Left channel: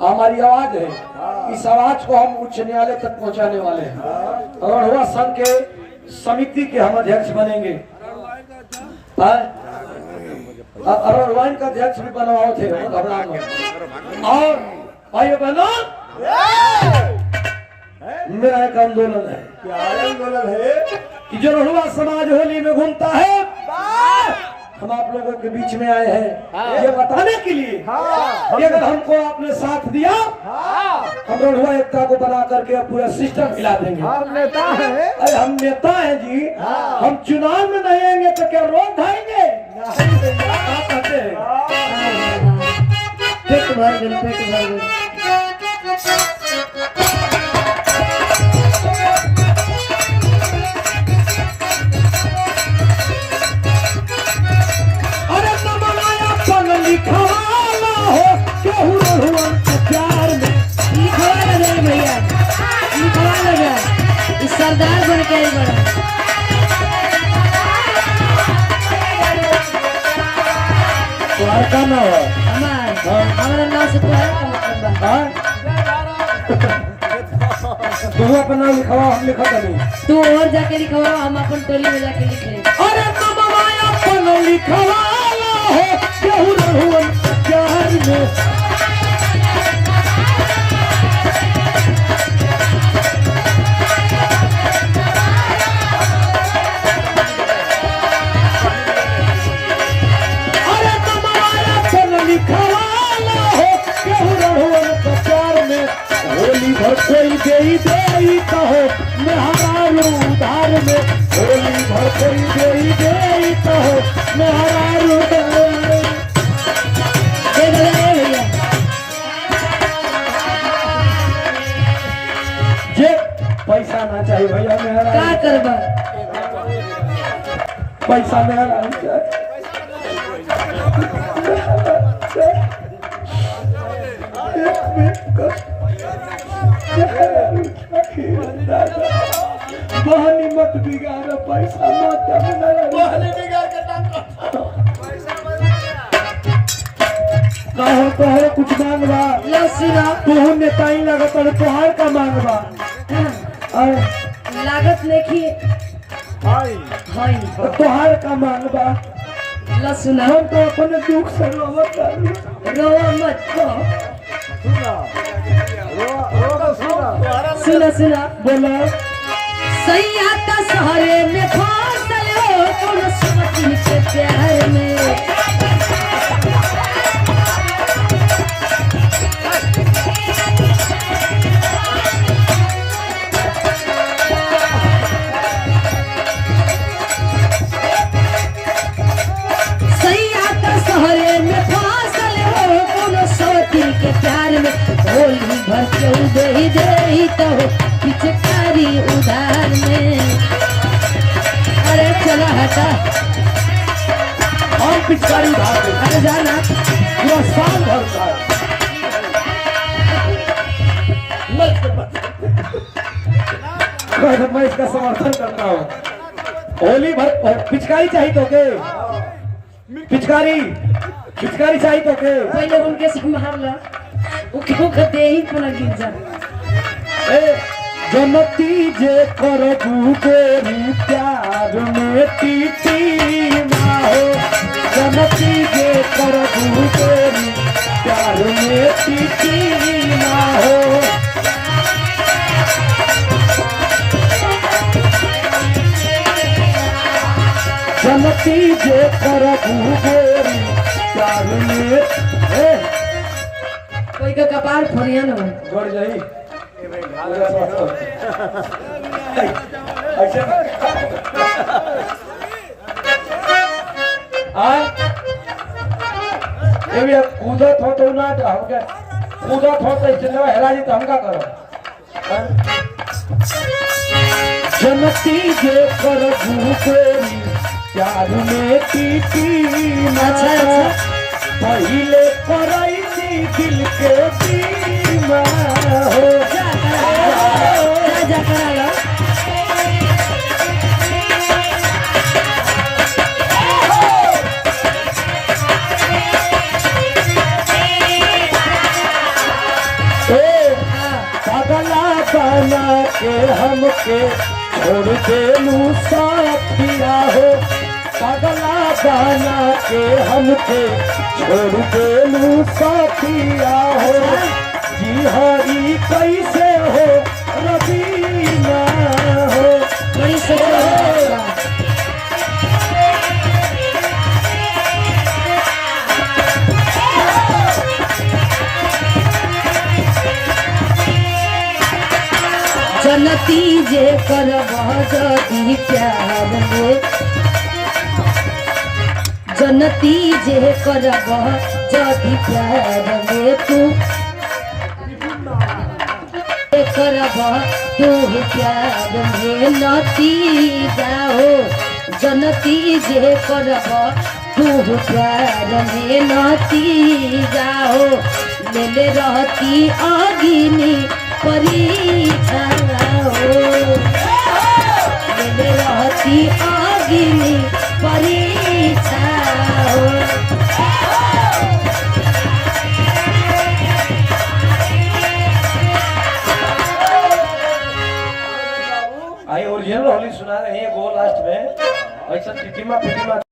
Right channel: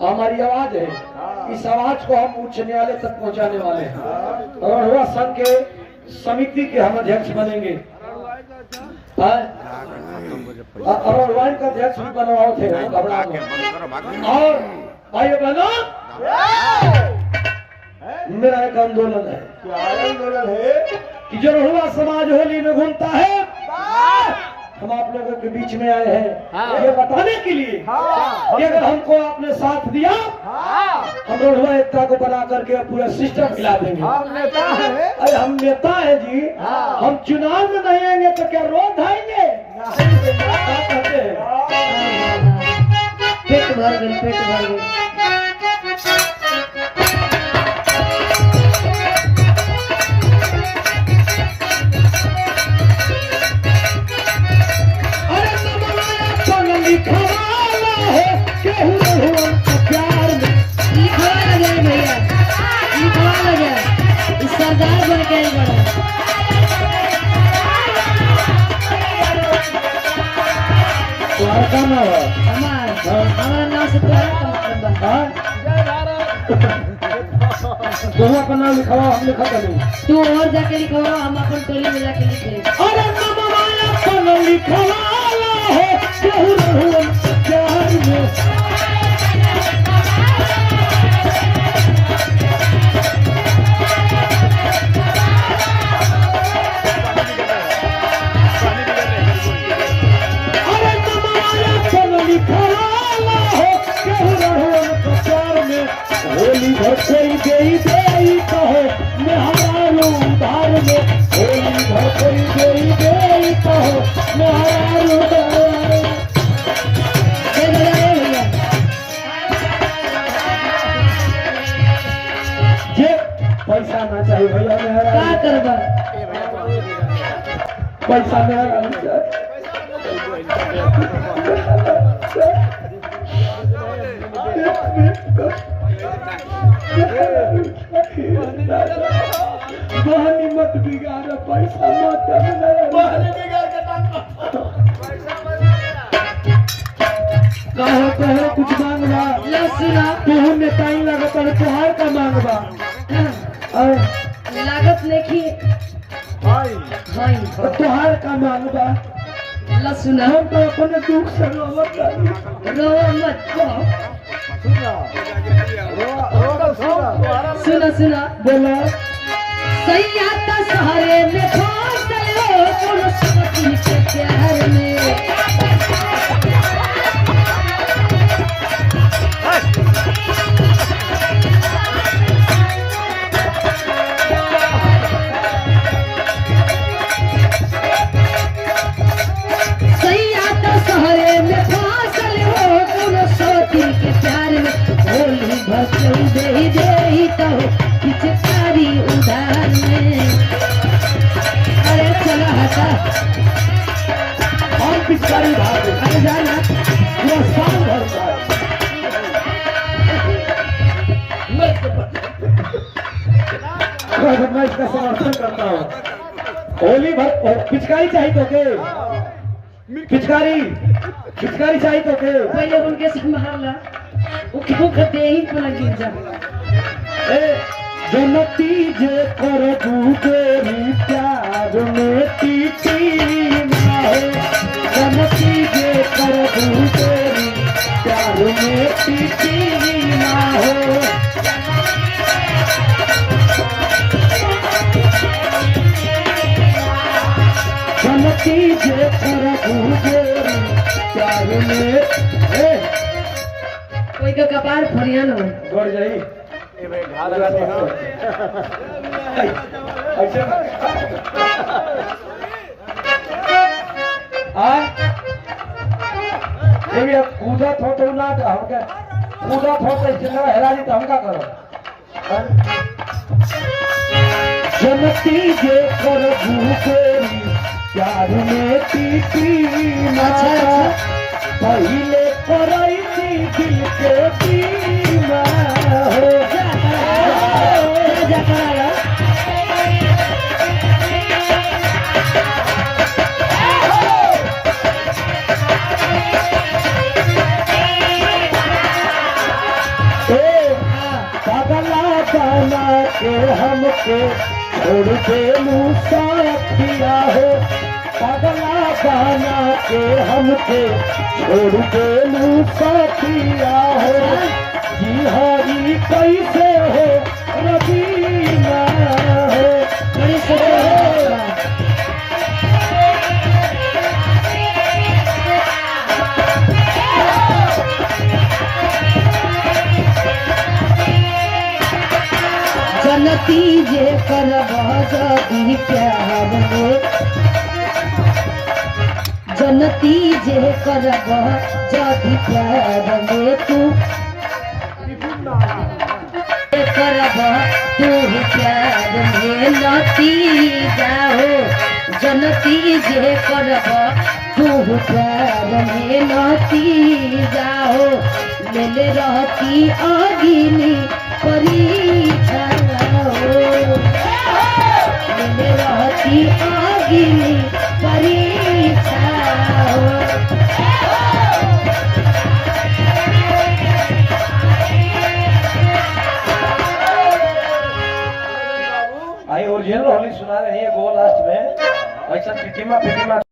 हमारी आवाज है, इस आवाज को हम उच्च न्यायालय तक पहुंचाने वाले हैं। अगरहुआ संघ के समिति के हम अध्यक्ष बनेंगे। अगरहुआ का अध्यक्ष भी बनवाओ थे, घबरा लो। और भाई बहनों, मेरा एक आंदोलन है। क्या आंदोलन है? कि जो रहुआ समाज होली में घूमता है, हम आप लोगों के बीच में आए हैं ये बताने के लिए कि अगर हमको आपने साथ दिया, हम रहुआ एकता को बना करके पूरा सिस्टम हिला देंगे। हम नेता है। अरे हम नेता है जी, हम चुनाव में नहीं आएंगे तो क्या रोड आएंगे? क्या कहते हैं? पेट भर गए, पेट भर गए। सरदार बन के बड़ा तुम्हारा काम है हमारा नाम से तुम्हारा का मतलब है। तुम अपना नाम लिखाओ, हम लिखा करेंगे। तू और जाके लिखवाओ, हम अपन टोली में जाके लिख ले। अरे मामा माया अपन लिखवाला है केहू रहुवन प्यार में। होली भर कोई दे कहो मेहरारू उधार में, होली भर कोई दे कहो मेहरारू उधार में। ये पैसा ना चाहिए भैया, मेहरा क्या करबा? पैसा मेहरा बहनी मत बिगाड़, पैसा मत बहनी बिगाड़ के कहो तोहरे कुछ मांगबा लसुना तू नेताई लगत और तोहार का मांगबा लागत लेखी हाय हाय तोहार का मांगबा। लसुना हम तो अपने दुख से रोवत बानी। रोवा मत को सुना सुना सुना बोला सैया का सहारे में फांसल हो तुम समझ के प्यार में। सैया का सहारे में फांसल हो तुम समझ के प्यार में। होली भर दे ही कहो पिचकारी उधार में। अरे चला हटा और पिचकारी भाग गई। अरे जाना पूरा साल भर का मैं इसका समर्थन करता हूँ। होली भर पिचकारी चाहिए तो के पिचकारी चाहिए तो के पहले उनके से मारला उनको दे ही पुनः जीत जा। जनती जे कर गोरी प्यार में पीती ना हो, जनती जे कर गोरी प्यार में पीती ना हो। जनती जे कर गोरी प्यार में कोई का कपार फरिया न हो बढ़ जाई कूदत हो तो ना हमका कूदत हो तो इतना हेरा जी तो हमका करो। जनती जे कर गोरी प्यार में पीती ना। पहले कराई थी दिल के बीमा हो। जा करा के छोड़ देलू साथिया हो पगला बना के हमके छोड़ देलू साथिया हो जी हरी कैसे हो रबीना हो बड़ी सुंदर जनती जे करब जदि प्यार में जनती जे करब जदि प्यार में तू करब तू प्यार में नती जाओ जनती जे करब तू प्यार में नती जाओ ले रहती आगिनी परीक्षा ले रहती आगिनी परीक्षा आई ओरिजिनल होली सुना रही है गो लास्ट में ऐसा टिटिमा पिटिमा